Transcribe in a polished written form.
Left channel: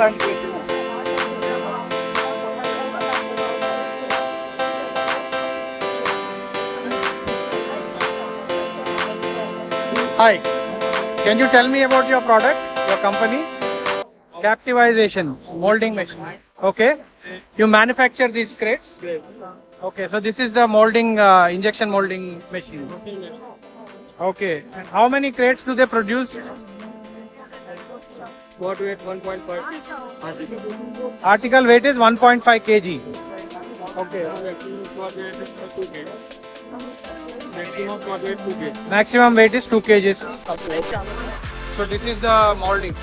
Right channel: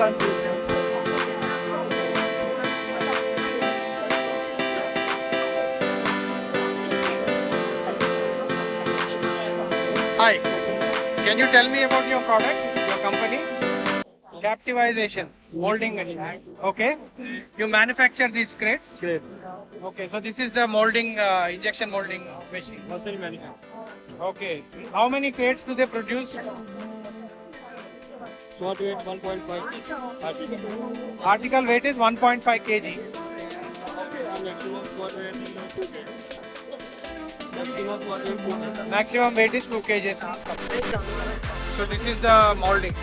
Hi, can you tell me about your product, your company? Captivization, molding machine. Okay. You manufacture these crates? Great. Okay, so this is the molding, injection molding machine. Hotel management. Okay. And how many crates do they produce? Squat weight 1.5 article. Article weight is 1.5 kg. Okay. Maximum squat weight is 2 kg. Maximum squat weight 2 kg. Maximum weight is 2 kgs. So this is the molding.